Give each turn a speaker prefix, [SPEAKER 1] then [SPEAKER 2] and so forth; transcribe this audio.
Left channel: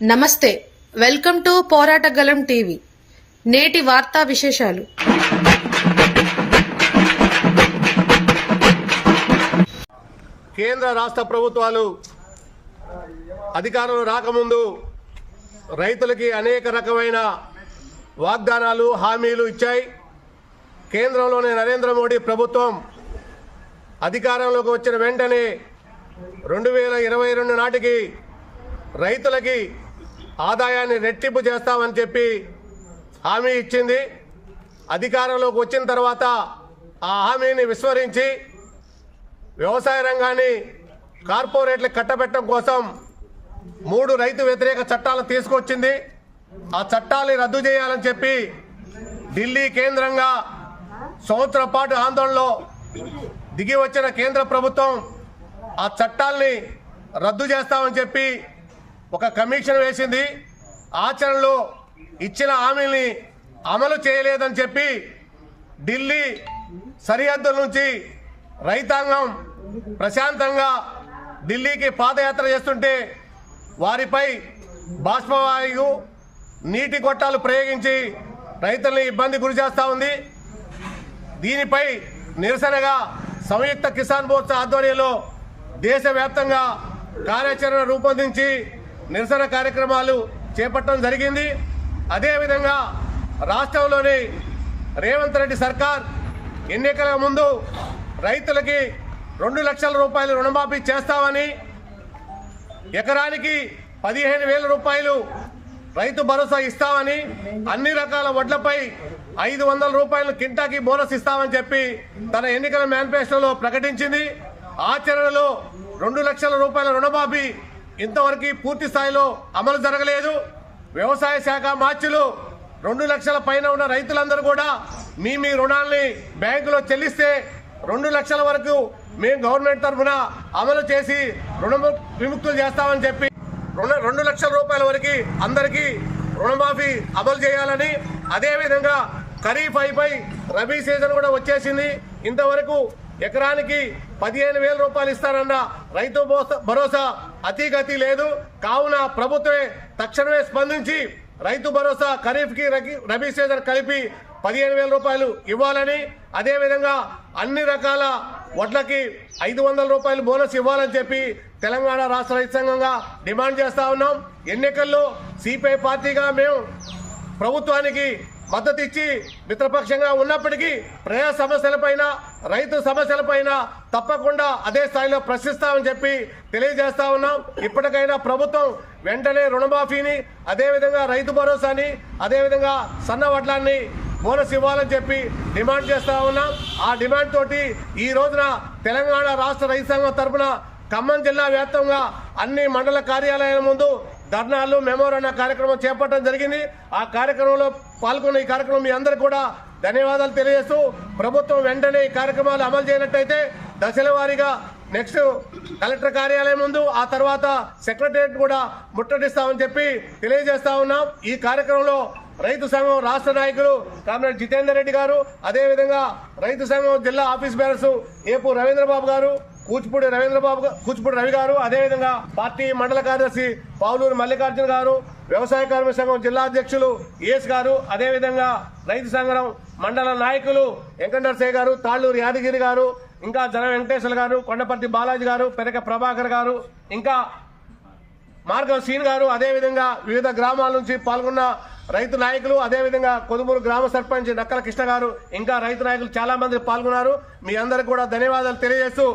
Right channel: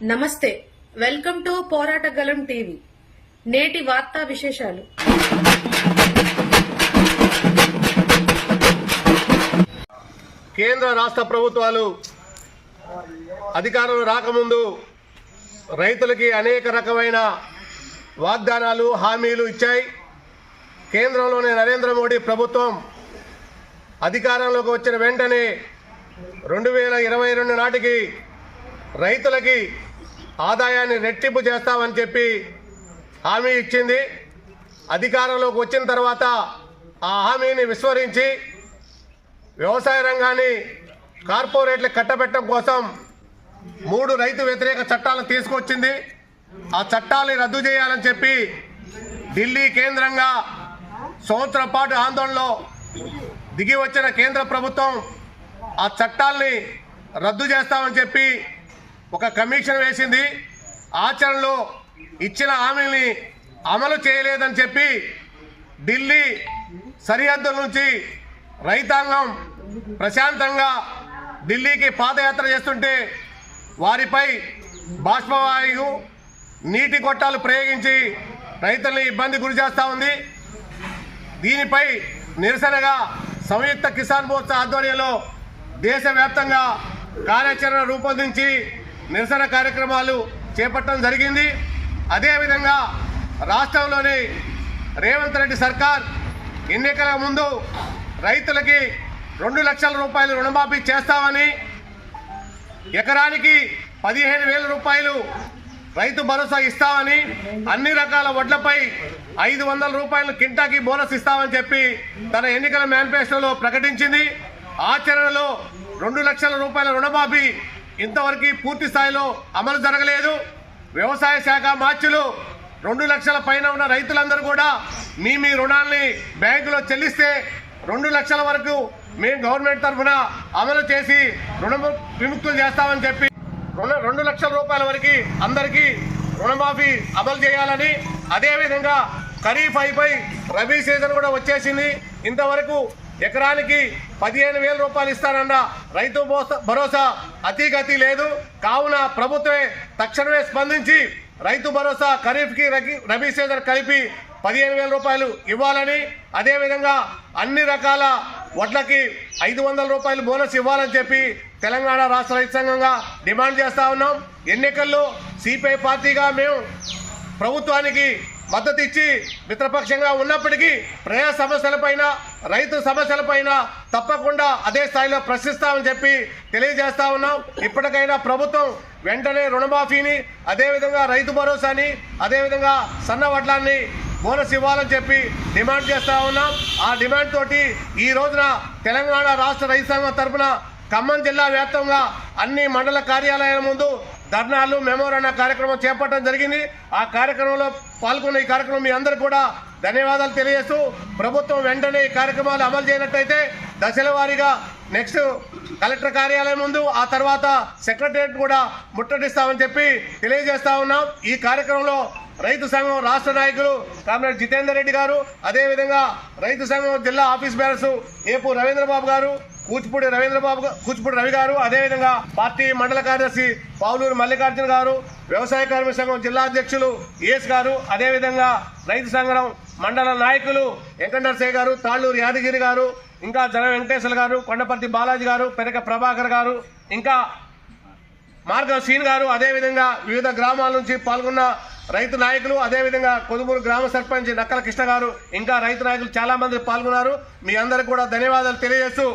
[SPEAKER 1] నమస్తే welcome to పోరాటగలం TV. నేటి వార్తా విశేషాలు.
[SPEAKER 2] కేంద్ర రాష్ట్ర ప్రభుత్వాలు అధికారం రాకముందు రైతులకి అనేక రకమైన వాగ్దానాలు హామీలు ఇచ్చాయి. కేంద్రంలోని నరేంద్ర మోడీ ప్రభుత్వం అధికారంలోకి వచ్చిన వెంటనే రెండు వేల ఇరవై రెండు నాటికి రైతులకి ఆదాయాన్ని రెట్టింపు చేస్తామని చెప్పి హామీ ఇచ్చింది. అధికారంలోకి వచ్చిన తర్వాత ఆ హామీని విస్మరించి వ్యవసాయ రంగాన్ని కార్పొరేట్లు కట్టబెట్టడం కోసం మూడు రైతు వ్యతిరేక చట్టాలను తీసుకొచ్చింది. ఆ చట్టాలని రద్దు చేయాలని చెప్పి ఢిల్లీ కేంద్రంగా సంవత్సరం పాటు ఆందోళనలో దిగి వచ్చిన కేంద్ర ప్రభుత్వం ఆ చట్టాల్ని రద్దు చేస్తామని చెప్పి ఒక కమిషన్ వేసింది. ఆచరణలో ఇచ్చిన హామీని అమలు చేయలేదని చెప్పి ఢిల్లీ సరిహద్దుల నుంచి రైతాంగం ప్రశాంతంగా ఢిల్లీకి పాదయాత్ర చేస్తుంటే వారిపై బాష్పవాయు నీటి గొట్టాలు ప్రయోగించి రైతుల్ని ఇబ్బంది గురి చేస్తూ ఉంది. దీనిపై నిరసనగా సంయుక్త కిసాన్ మోర్చా ఆధ్వర్యంలో దేశవ్యాప్తంగా కార్యాచరణ రూపొందించి నిరసన కార్యక్రమాలు చేపట్టడం జరిగింది. అదేవిధంగా రాష్ట్రంలోని రేవంత్ రెడ్డి సర్కార్ ఎన్నికల ముందు రైతులకి రెండు లక్షల రూపాయలు రుణమాఫీ చేస్తామని ఎకరానికి పదిహేను వేల రూపాయలు రైతు భరోసా ఇస్తామని అన్ని రకాల వడ్లపై ఐదు వందల రూపాయలు కింటాకి బోనస్ ఇస్తామని చెప్పి తన ఎన్నికల మేనిఫెస్టోలో ప్రకటించింది. ఆచరణలో రెండు లక్షల రూపాయల రుణమాఫీ ఇంతవరకు పూర్తి స్థాయిలో అమలు జరగలేదు. వ్యవసాయ శాఖ మార్చులు రెండు లక్షల పైన ఉన్న రైతులందరూ కూడా మీ మీ రుణాల్ని బ్యాంకులో చెల్లిస్తే రెండు లక్షల వరకు మేము గవర్నమెంట్ తరఫున అమలు చేసి రుణ విముక్తులు చేస్తామని చెప్పి రుణ రెండు లక్షల రూపాయల వరకు అందరికీ రుణమాఫీ అమలు చేయాలని అదేవిధంగా ఖరీఫ్ అయిపోయి రబీ సీజన్ కూడా వచ్చేసింది. ఇంతవరకు ఎకరానికి పదిహేను వేల రూపాయలు ఇస్తానన్న రైతు భరోసా- భరోసా అతిగతి లేదు. కావున ప్రభుత్వమే తక్షణమే స్పందించి రైతు భరోసా ఖరీఫ్కి రగి- రబీ సీజన్ కలిపి పదిహేను వేల రూపాయలు ఇవ్వాలని అదేవిధంగా అన్ని రకాల వడ్లకి ఐదు వందల రూపాయలు బోనస్ ఇవ్వాలని చెప్పి తెలంగాణ రాష్ట్ర రైతు సంఘంగా డిమాండ్ చేస్తా ఉన్నాం. ఎన్నికల్లో సిపిఐ పార్టీగా మేము ప్రభుత్వానికి మద్దతు ఇచ్చి మిత్రపక్షంగా ఉన్నప్పటికీ ప్రజా సమస్యలపైన రైతు సమస్యలపైన తప్పకుండా అదే స్థాయిలో ప్రశ్నిస్తామని చెప్పి తెలియజేస్తా ఉన్నాం. ఇప్పటికైనా ప్రభుత్వం వెంటనే రుణమాఫీని అదేవిధంగా రైతు భరోసాని అదేవిధంగా సన్న వడ్లాన్ని బోనస్ ఇవ్వాలని చెప్పి డిమాండ్ చేస్తా ఉన్నాం. ఆ డిమాండ్ తోటి ఈ రోజున తెలంగాణ రాష్ట్ర రైతు సంఘం తరఫున ఖమ్మం జిల్లా వ్యాప్తంగా అన్ని మండల కార్యాలయాల ముందు ధర్నాలు మెమోరాండ కార్యక్రమం చేపట్టడం జరిగింది. ఆ కార్యక్రమంలో పాల్గొన్న ఈ కార్యక్రమం మీ అందరికీ కూడా ధన్యవాదాలు తెలియజేస్తూ ప్రభుత్వం వెంటనే ఈ కార్యక్రమాలు అమలు చేయనట్టయితే దశల వారీగా నెక్స్ట్ కలెక్టర్ కార్యాలయం ముందు ఆ తర్వాత సెక్రటరియట్ కూడా ముట్టడిస్తామని చెప్పి తెలియజేస్తా ఉన్నాం. ఈ కార్యక్రమంలో రైతు సంఘం రాష్ట్ర నాయకులు కామ్రేడ్ జితేందర్ రెడ్డి గారు అదేవిధంగా రైతు సంఘం జిల్లా ఆఫీస్ బేరర్స్ ఏపు రవీంద్రబాబు గారు కూచిపూడి రవీంద్రబాబు కూచిపూడి రవి గారు అదేవిధంగా పార్టీ మండల కార్యదర్శి పావులూరు మల్లికార్జున గారు వ్యవసాయ కార్మిక సంఘం జిల్లా అధ్యక్షులు ఏఎస్ గారు అదేవిధంగా రైతు సంఘం మండల నాయకులు వెంకటరసయ్య గారు తాళ్ళూరు యాదగిరి గారు ఇంకా జన వెంకటేశ్వర గారు కొండపర్తి బాలాజీ గారు పెరక ప్రభాకర్ గారు ఇంకా మార్గం శ్రీన్ గారు అదేవిధంగా వివిధ గ్రామాల నుంచి పాల్గొన్న రైతు నాయకులు అదేవిధంగా కొదుమూరు గ్రామ సర్పంచ్ నక్కల కృష్ణ గారు ఇంకా రైతు నాయకులు చాలా మంది పాల్గొన్నారు. మీ అందరికి కూడా ధన్యవాదాలు తెలియజేస్తూ